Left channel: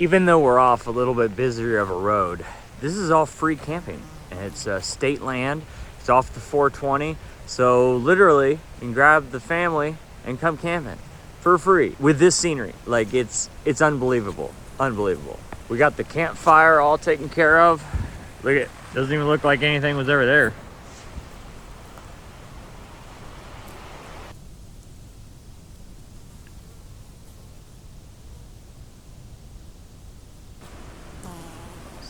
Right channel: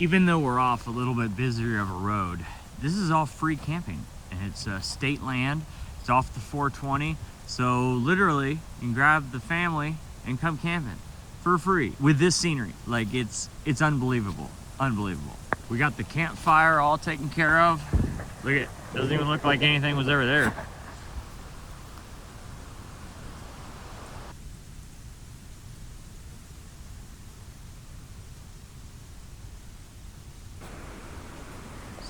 Even though we're off a little bit busier of a road, this is all free camping, and it's state land. It's off the 420, so literally you can grab the family and come camping for free with this scenery. Like it's unbelievable, unbelievable. We got the campfire all taken care of. Look at, doesn't even look like anything was ever there.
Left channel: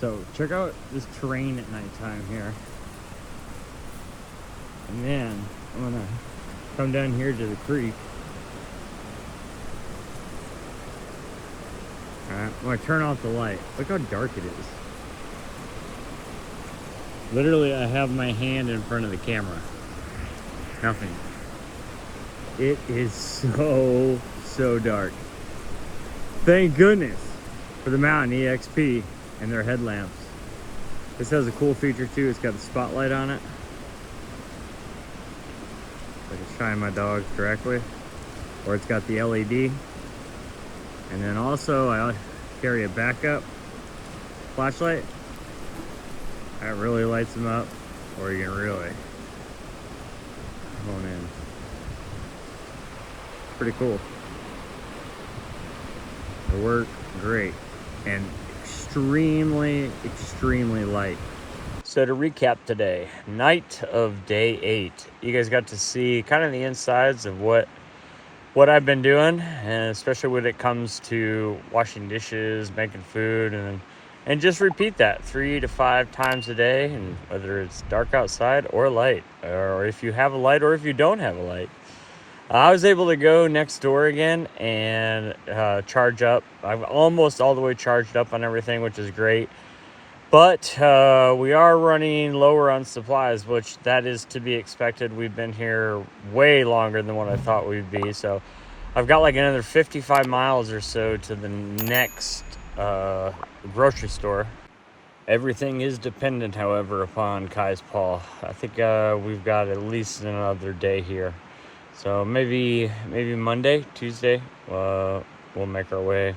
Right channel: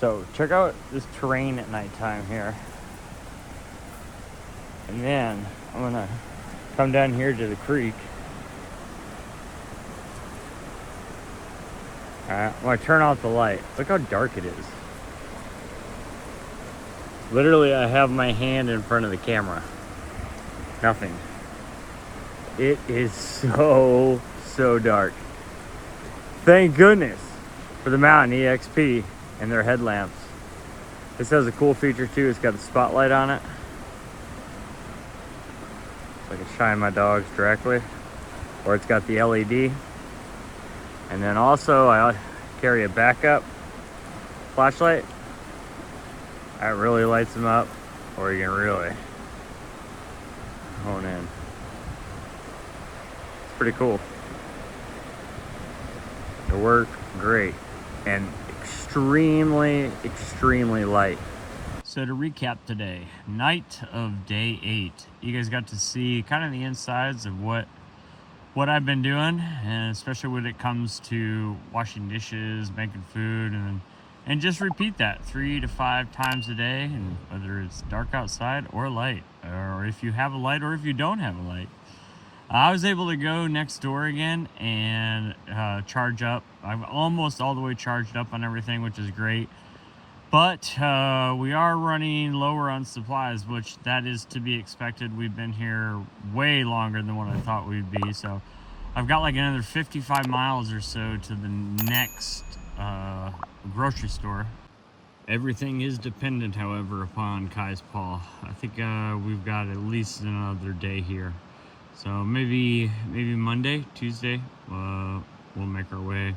So check out this terrain at nighttime here. And then I'm gonna come down here to the creek. All right, I'm gonna turn off the light. Look how dark it is. Literally, I have my hand in front of the camera. Nothing. It is so dark. Thank goodness for the Mountain EXP and their headlamps. This has a cool feature too. It's got a spotlight on it. I can shine my dogs directly. Or it's got the LED. And then also I carry a backup flashlight. That really lights them up, or you can really hone in. Pretty cool. They work great and extremely light. So to recap today, night of day 8, you guys got to see kind of the insides of what I've been doing, and especially when it comes to washing dishes, making food, and just repeat that 3 to 5 times a day, and whether it's dark outside or light, or if you have a light or if you don't have a light. I was able to go next door again and charge up. I'm almost all the way charged up on everything, which is great. But we are running lower on supplies, which that is to be expected. We've been here way longer than what I thought we'd be. So I've got like another 55 miles or so to the next grocery store. Everything is dependent, however, upon Kai's paw. I think we've got at least another day here. So maybe Monday, Tuesday, we'll make our way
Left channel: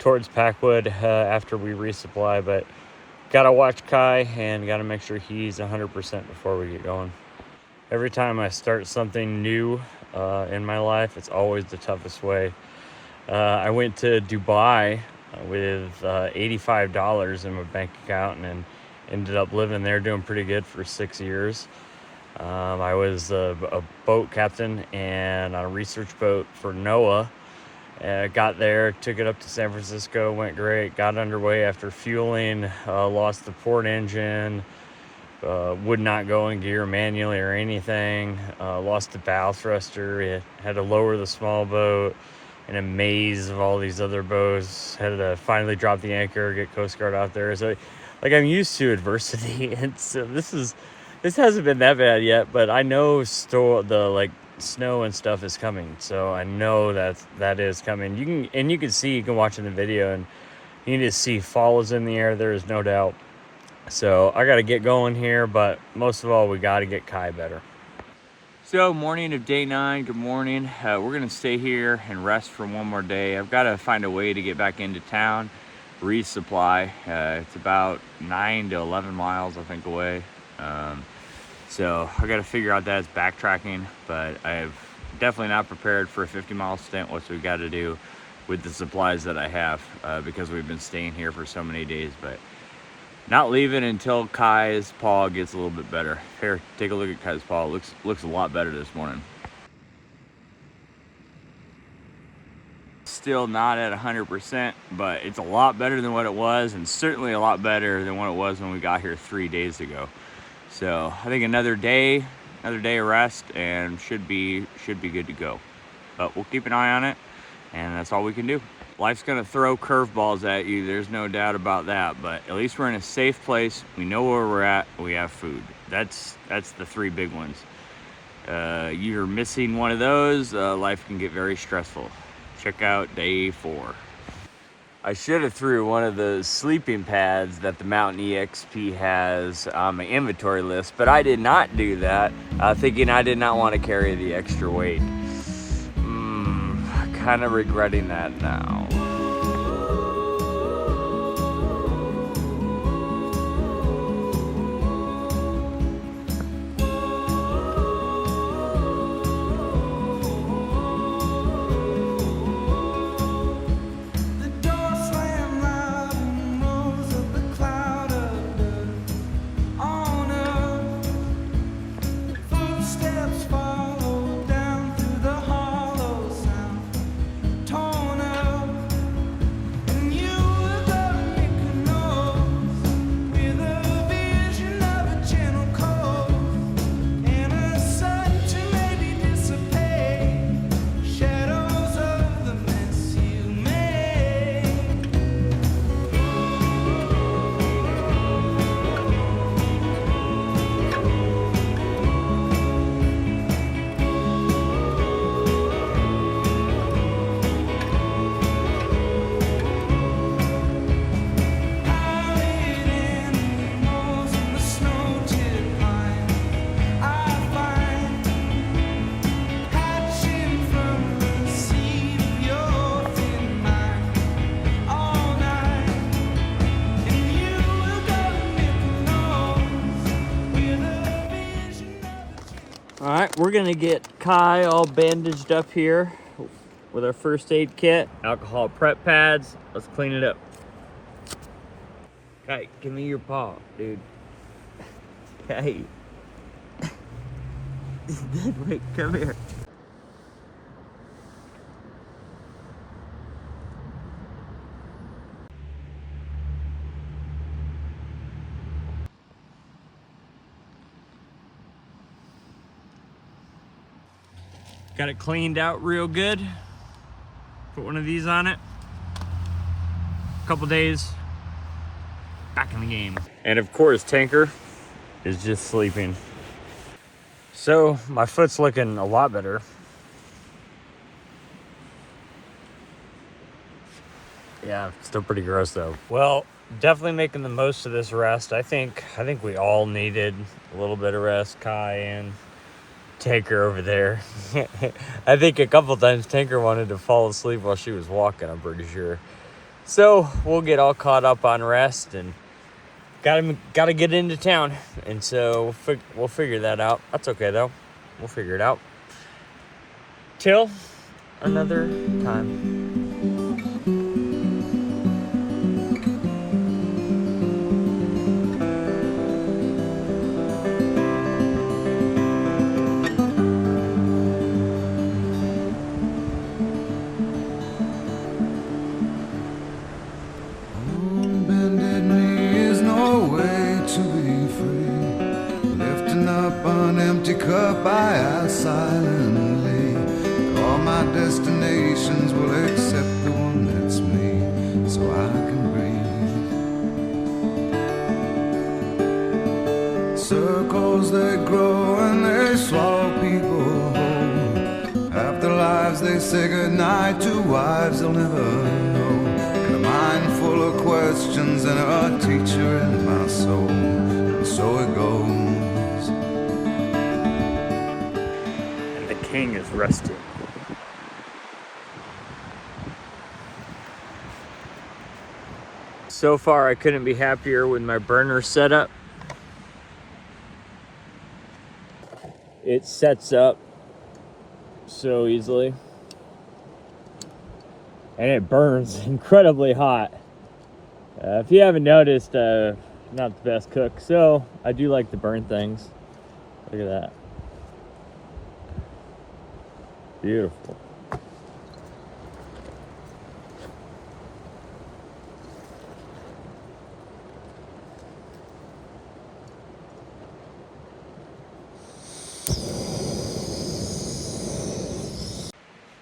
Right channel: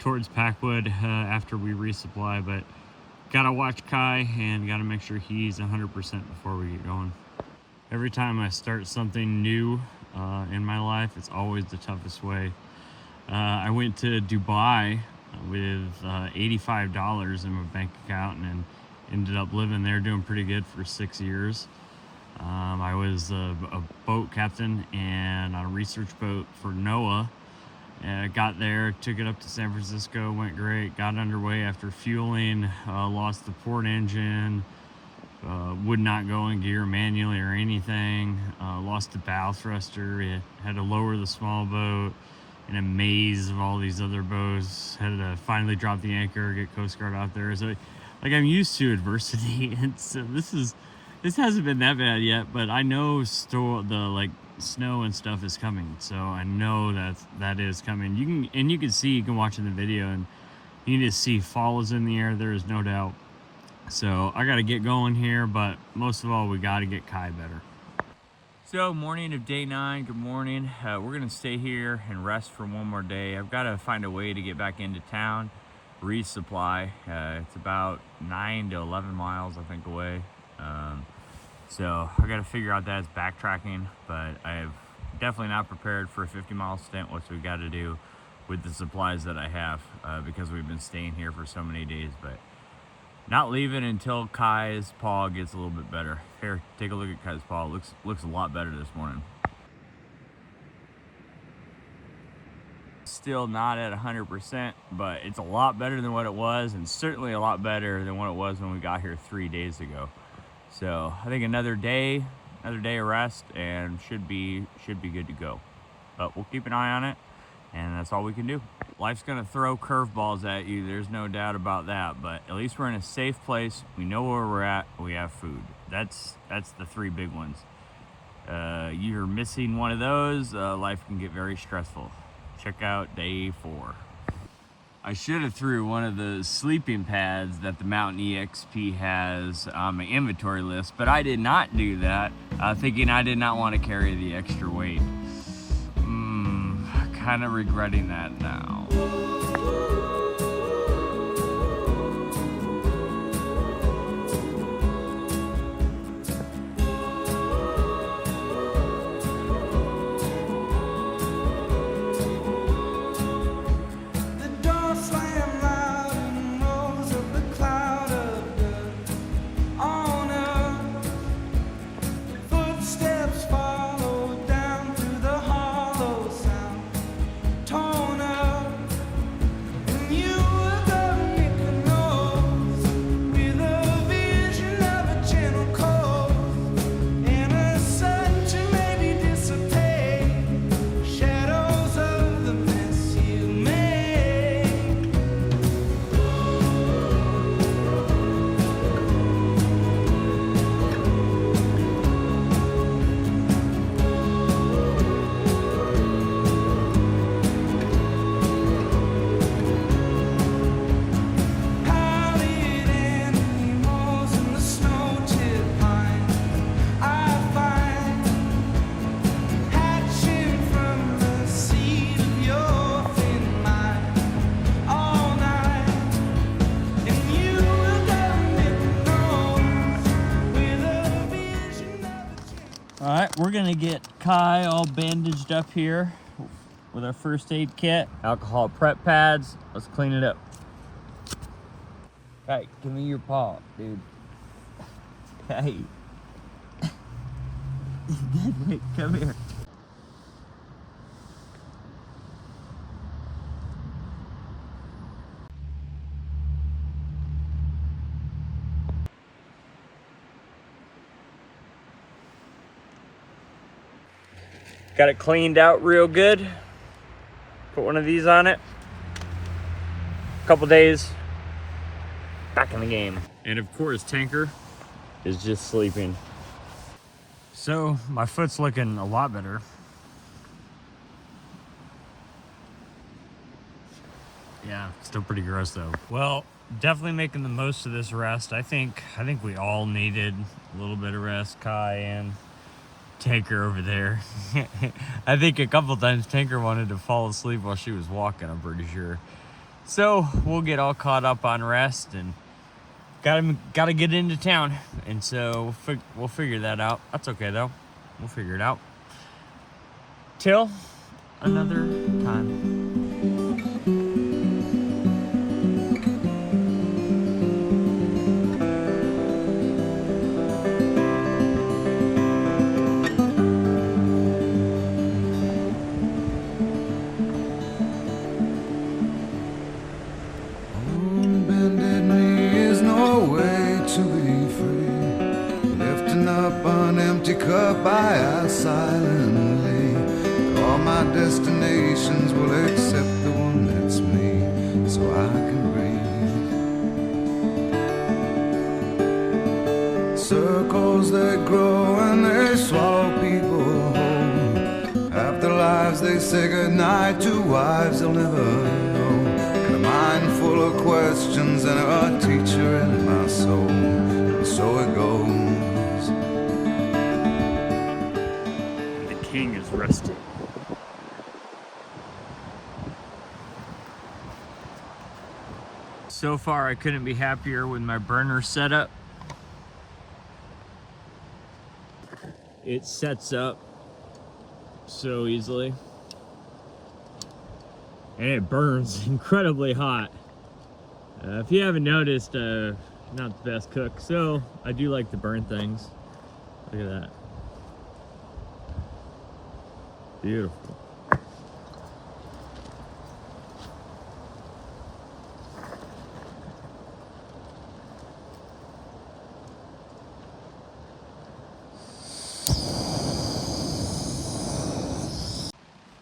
towards Packwood after we resupply. But gotta watch Kai and gotta make sure he's 100% before we get going. Every time I start something new in my life, it's always the toughest way. I went to Dubai with $85 in my bank account and ended up living there, doing pretty good for 6 years. I was a boat captain and on a research boat for NOAA. Got there, took it up to San Francisco, went great, got underway after fueling, lost the port engine, would not go in gear manually or anything, lost the bow thruster, had to lower the small boat in a maze of all these other boats, had to finally drop the anchor, get Coast Guard out there. So like I'm used to adversity, and so this hasn't been that bad yet, but I know the snow and stuff is coming, so I know that is coming. You can watch in the video, and you can just see fall is in the air. There is no doubt. So I got to get going here, but most of all, we got to get Kai better. So morning of day 9. Good morning. We're gonna stay here and rest for one more day. I've got to find a way to get back into town, resupply. It's about 9 to 11 miles, I think, away. So I got to figure out that it's backtracking, but I've definitely not prepared for a 50-mile stint, which we've got to do with the supplies that I have, because we've been staying here for so many days. But not leaving until Kai's paw gets a little bit better. Here, take a look at Kai's paw. It looks a lot better this morning. Still not at 100%, but it's a lot better than what it was, and certainly a lot better than what it was when we got here 3 days ago. So I think another day of rest, and should be good to go. But we'll keep an eye on it, and that's all we can do. Life's gonna throw curveballs at you, there's no doubt about that, but at least we're in a safe place. We know where we're at, we have food. That's the 3 big ones. You're missing one of those, life can get very stressful. Check out day 4. I should have threw one of the sleeping pads that the Mountain EXP has on my inventory list, but I did not do that, thinking I did not want to carry the extra weight. Kind of regretting that now. we're gonna get Kai all bandaged up here with our first aid kit, alcohol prep pads. Let's clean it up. Kai, give me your paw, dude. Kai. Wait, come here. Got it cleaned out real good. Put one of these on it. Couple days, back in the game. And of course, Tanker is just sleeping. So my foot's looking a lot better. Yeah, still pretty gross though. Well, definitely making the most of this rest. I think we all needed a little bit of rest, Kai and Tanker over there. I think a couple times Tanker wanted to fall asleep while she was walking, I'm pretty sure. So we'll get all caught up on rest and gotta get into town. And so we'll figure that out. That's okay though. We'll figure it out. Till another time. Cup I ask silently. All my destinations will accept the one that's me, so I can breathe. Circles they grow and they swallow people whole. Half their lives they say goodnight to wives they'll never know. And a mind full of questions and a teacher in my soul. And so it goes. King is rested. So far, I couldn't be happier with my burner setup. It sets up so easily. And it burns incredibly hot. If you haven't noticed, not the best cook, so I do like to burn things. Look at that. Beautiful.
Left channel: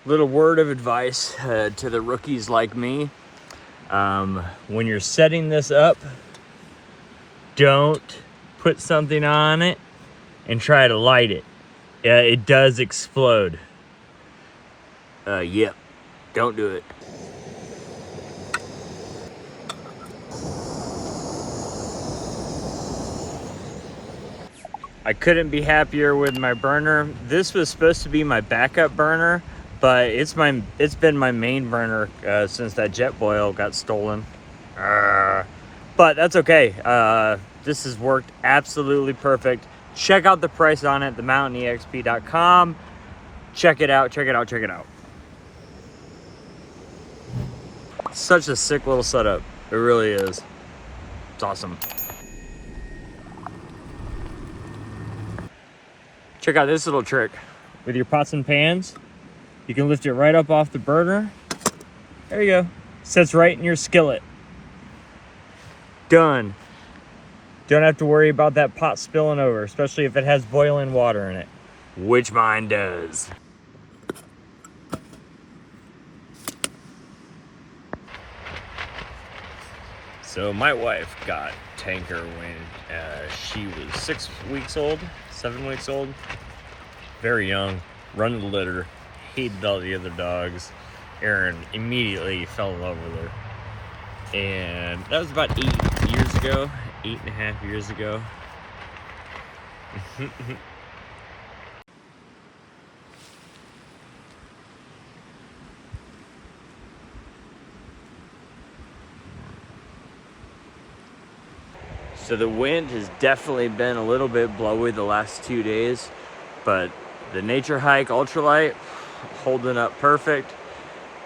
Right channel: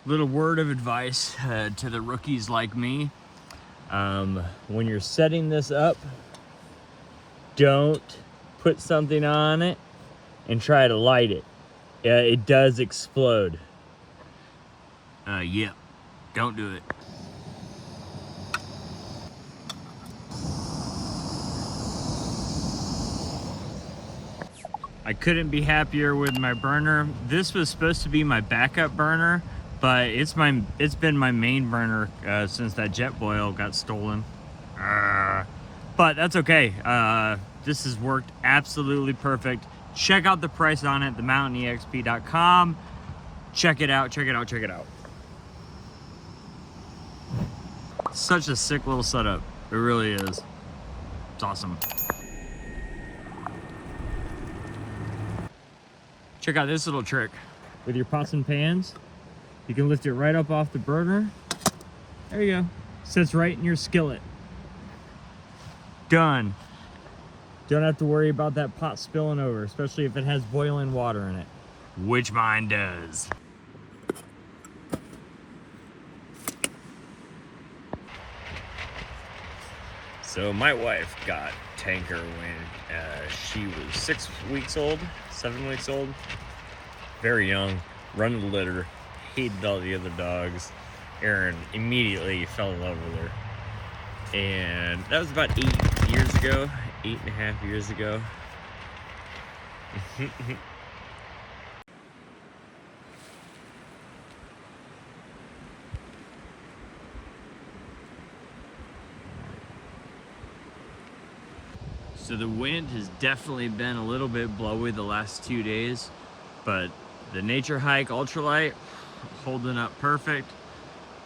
Little word of advice to the rookies like me. When you're setting this up, don't put something on it and try to light it. It does explode. Yep, don't do it. I couldn't be happier with my burner. This was supposed to be my backup burner, but it's been my main burner since that jet boil got stolen. But that's okay. This has worked absolutely perfect. Check out the price on it, themountainexp.com. Check it out, check it out, check it out. Such a sick little setup. It really is. It's awesome. Check out this little trick. With your pots and pans, you can lift it right up off the burner. There you go. Sits right in your skillet. Done. Don't have to worry about that pot spilling over, especially if it has boiling water in it, which mine does. So my wife got Tanker when she was 6 weeks old, 7 weeks old. Very young, run the litter, hated all the other dogs. Aaron immediately fell in love with her. And that was about 8 years ago, 8.5 years ago. So the wind has definitely been a little bit blowy the last 2 days, but The Nature Hike ultralight, holding up perfect.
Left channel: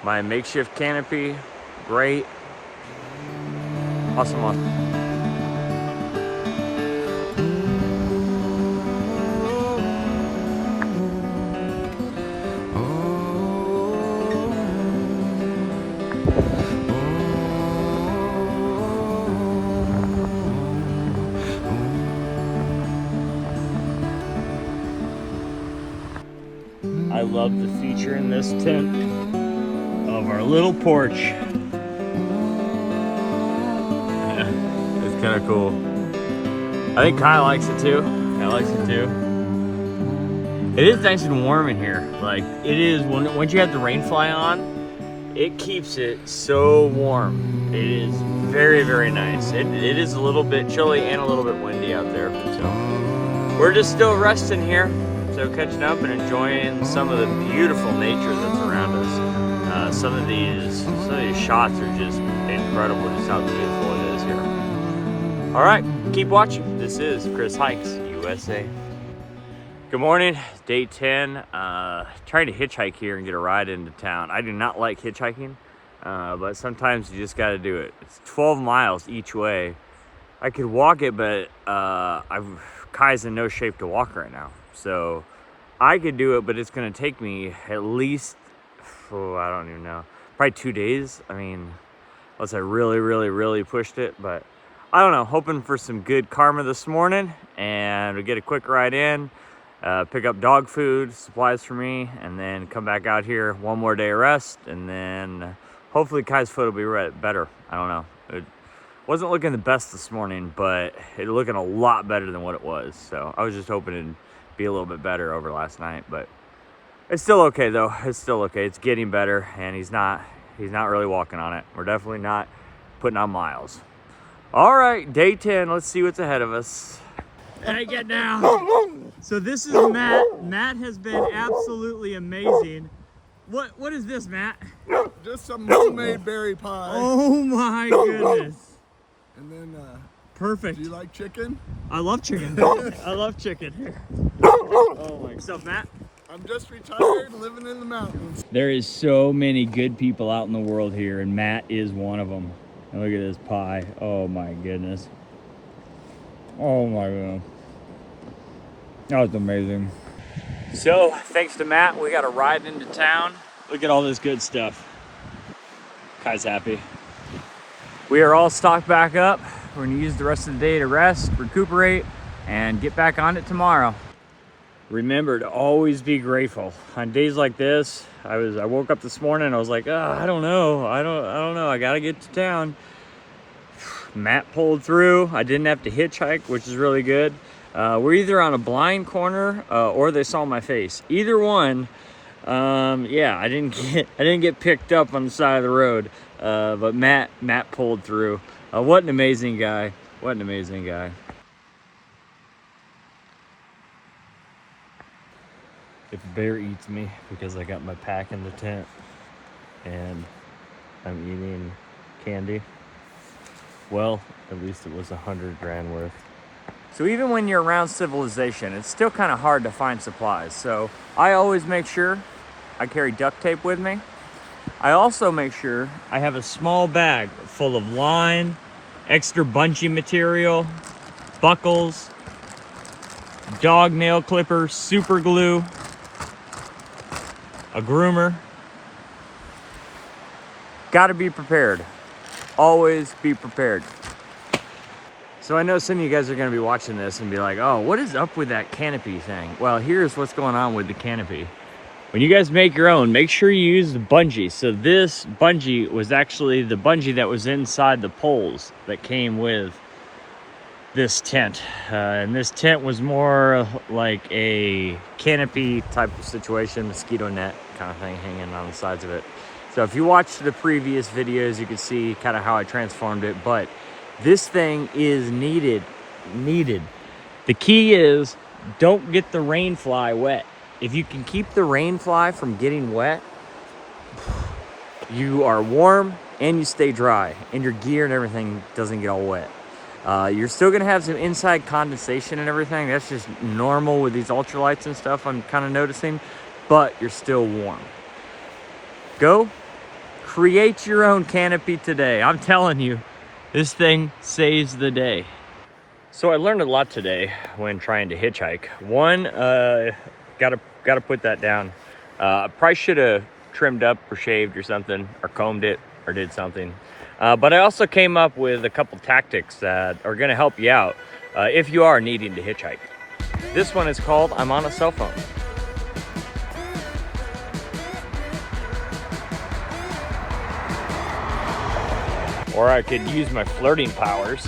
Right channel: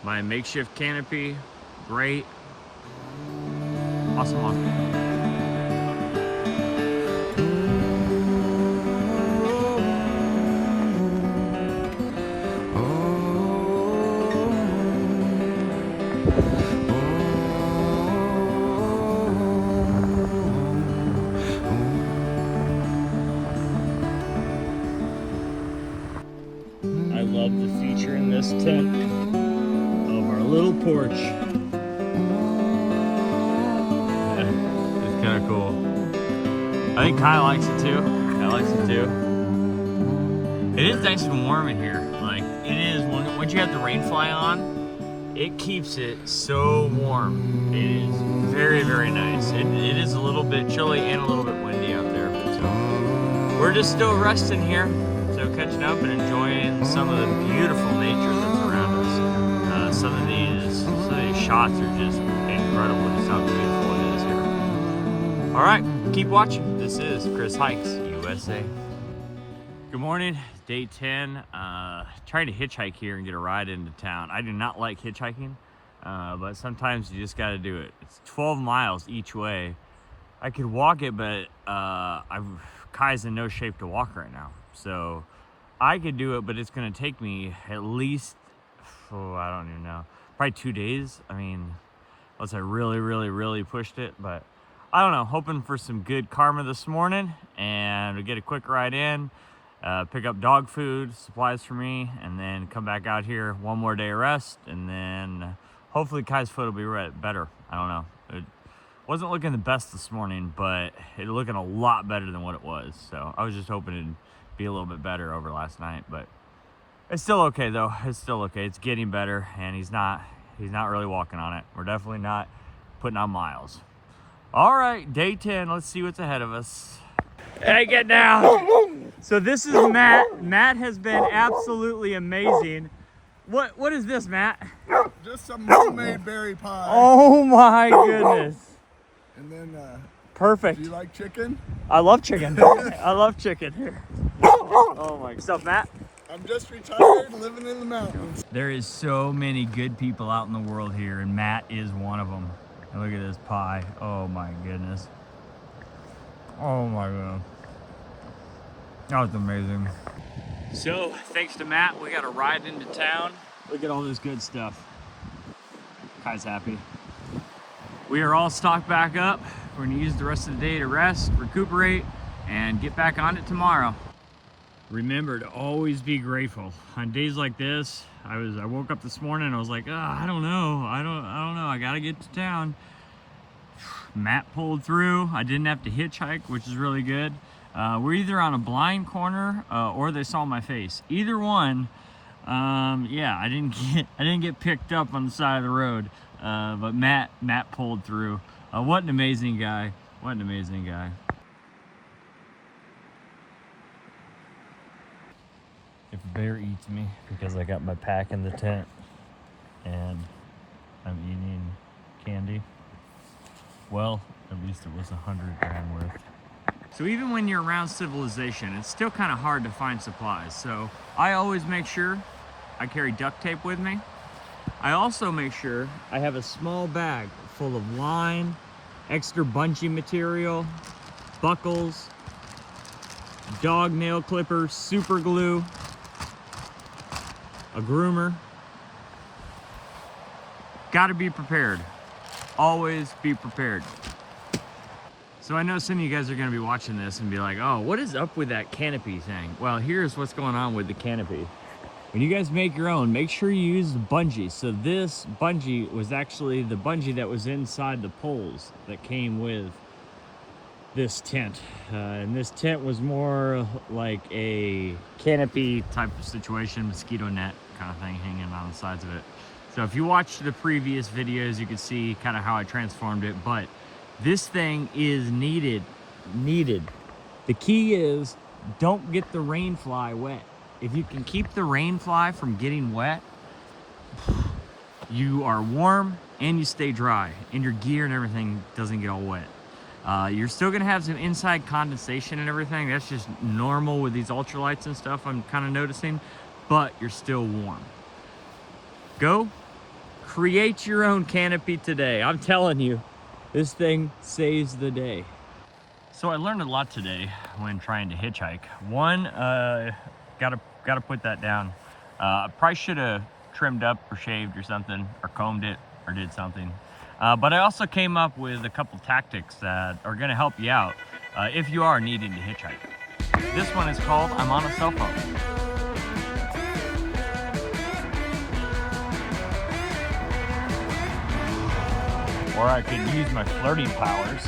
My makeshift canopy, great. Awesome one. I love the feature in this tent of our little porch. Yeah, it's kind of cool. I think Kyle likes it too. I likes it too. It is nice and warm in here. Like it is once you have the rain fly on, it keeps it so warm. It is very, very nice. It is a little bit chilly and a little bit windy out there. So we're just still resting here. So catching up and enjoying some of the beautiful nature that's around us. Some of these shots are just incredible, just how beautiful it is here. All right, keep watching. This is Chris Hikes USA. Good morning, day 10. Trying to hitchhike here and get a ride into town. I do not like hitchhiking, but sometimes you just got to do it. It's 12 miles each way. I could walk it, but Kai's in no shape to walk right now. So I could do it, but it's going to take me at least, I don't even know, probably 2 days. I mean, unless I really, really, really pushed it. But I don't know, hoping for some good karma this morning and we get a quick ride in, pick up dog food, supplies for me, and then come back out here one more day of rest. And then hopefully Kai's foot will be better. I don't know. It wasn't looking the best this morning, but it's looking a lot better than what it was. So I was just hoping it'd be a little bit better over last night, but it's still okay though. It's still okay. It's getting better, and he's not really walking on it. We're definitely not putting on miles. All right, day 10. Let's see what's ahead of us. Hey, get down. So this is Matt. Matt has been absolutely amazing. What is this, Matt? Just some homemade berry pie. Oh my goodness. And then, perfect. do you like chicken? I love chicken. I love chicken here. Oh my. What's up, Matt? I'm just retired, living in the mountains. There is so many good people out in the world here, and Matt is one of them. And look at this pie. Oh my goodness. Oh my god. That was amazing. So, thanks to Matt, we got a ride into town. Look at all this good stuff. Kai's happy. We are all stocked back up. We're gonna use the rest of the day to rest, recuperate, and get back on it tomorrow. Remember to always be grateful. On days like this, I woke up this morning and I was like, I don't know. I don't know. I gotta get to town. Matt pulled through. I didn't have to hitchhike, which is really good. We're either on a blind corner or they saw my face. Either one. Yeah, I didn't get picked up on the side of the road. But Matt pulled through. What an amazing guy. What an amazing guy. If a bear eats me because I got my pack in the tent and I'm eating candy, well, at least it was 100 grand worth. So even when you're around civilization, it's still kind of hard to find supplies. So I always make sure I carry duct tape with me. I also make sure I have a small bag full of line, extra bungee material, buckles, dog nail clippers, super glue, a groomer. Gotta be prepared. Always be prepared. So I know some of you guys are gonna be watching this and be like, oh, what is up with that canopy thing? Well, here's what's going on with the canopy. When you guys make your own, make sure you use the bungee. So this bungee was actually the bungee that was inside the poles that came with this tent. And this tent was more like a canopy type of situation, mosquito net kind of thing hanging on the sides of it. So if you watched the previous videos, you can see kind of how I transformed it, but this thing is needed. The key is don't get the rain fly wet. If you can keep the rain fly from getting wet, you are warm and you stay dry and your gear and everything doesn't get all wet. You're still gonna have some inside condensation and everything. That's just normal with these ultralights and stuff, I'm kind of noticing, but you're still warm. Go create your own canopy today. I'm telling you, this thing saves the day. So I learned a lot today when trying to hitchhike. One, gotta put that down. Probably should have trimmed up or shaved or something, or combed it, or did something. But I also came up with a couple tactics that are gonna help you out if you are needing to hitchhike. This one is called I'm on a cell phone. Or I could use my flirting powers.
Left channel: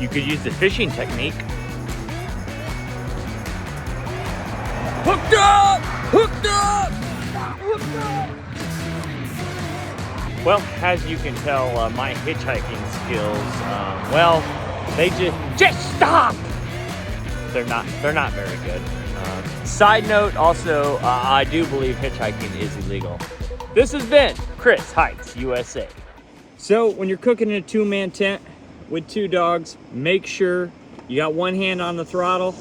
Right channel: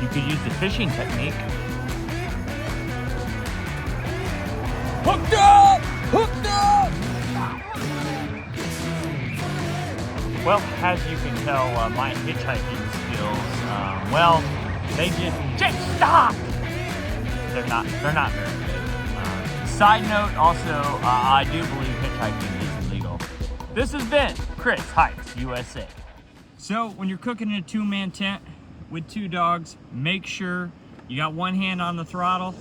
You could use the fishing technique. Hooked up! Hooked up! Hooked up! Well, as you can tell, my hitchhiking skills, well, they just stop! They're not very good. Side note, also, I do believe hitchhiking is illegal. This has been Chris Hikes USA. So when you're cooking in a 2-man tent with 2 dogs, make sure you got one hand on the throttle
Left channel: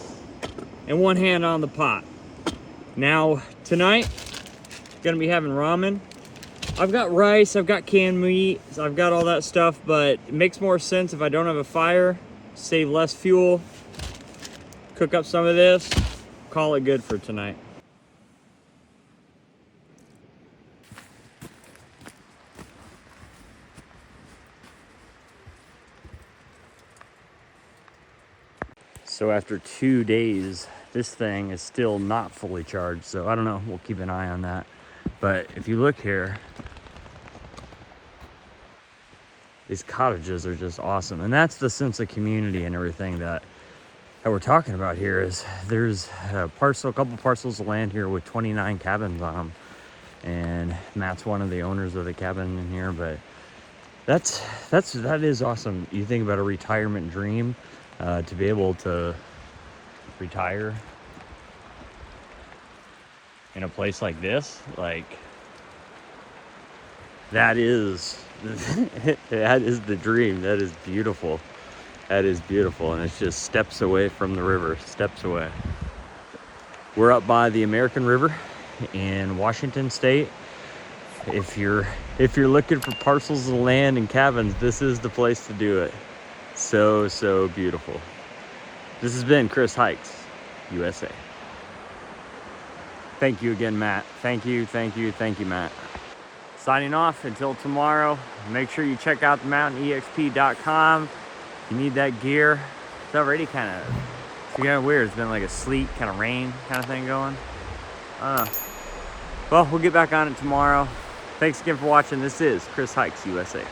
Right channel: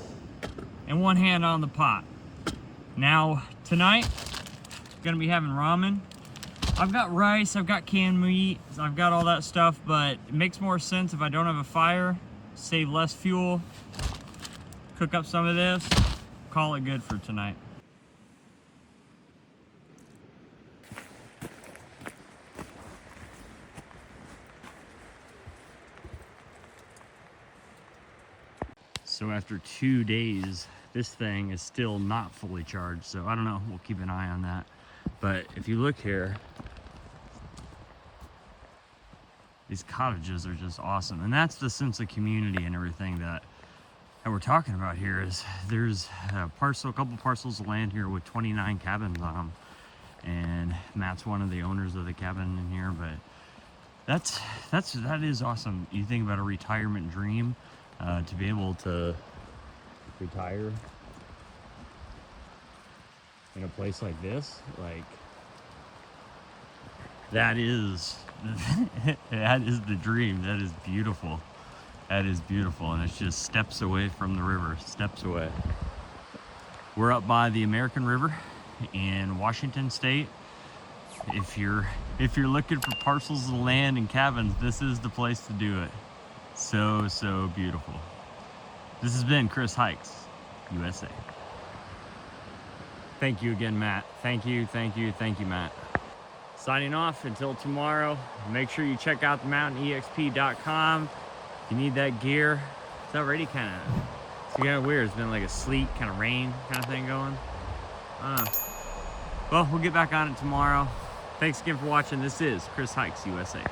and one hand on the pot. Now, tonight, gonna be having ramen. I've got rice, I've got canned meat, I've got all that stuff, but it makes more sense if I don't have a fire, save less fuel, cook up some of this, call it good for tonight. So after 2 days, this thing is still not fully charged. So I don't know, we'll keep an eye on that. But if you look here, these cottages are just awesome. And that's the sense of community and everything that we're talking about here. Is there's a couple parcels of land here with 29 cabins on them. And Matt's one of the owners of the cabin in here, but that is awesome. You think about a retirement dream, to be able to retire in a place like this, like that is that is the dream. That is beautiful. That is beautiful, and it's just steps away from the river, steps away. We're up by the American River in Washington State. If you're looking for parcels of land and cabins, this is the place to do it. So beautiful. This has been Chris Hikes USA. Thank you again, Matt. Thank you, Matt. Signing off until tomorrow. Make sure you check out themountainexp.com. If you need that gear, it's already kind of weird. It's been like a sleet, kind of rain kind of thing going. Well, we'll get back on it tomorrow. Thanks again for watching. This is Chris Hikes USA.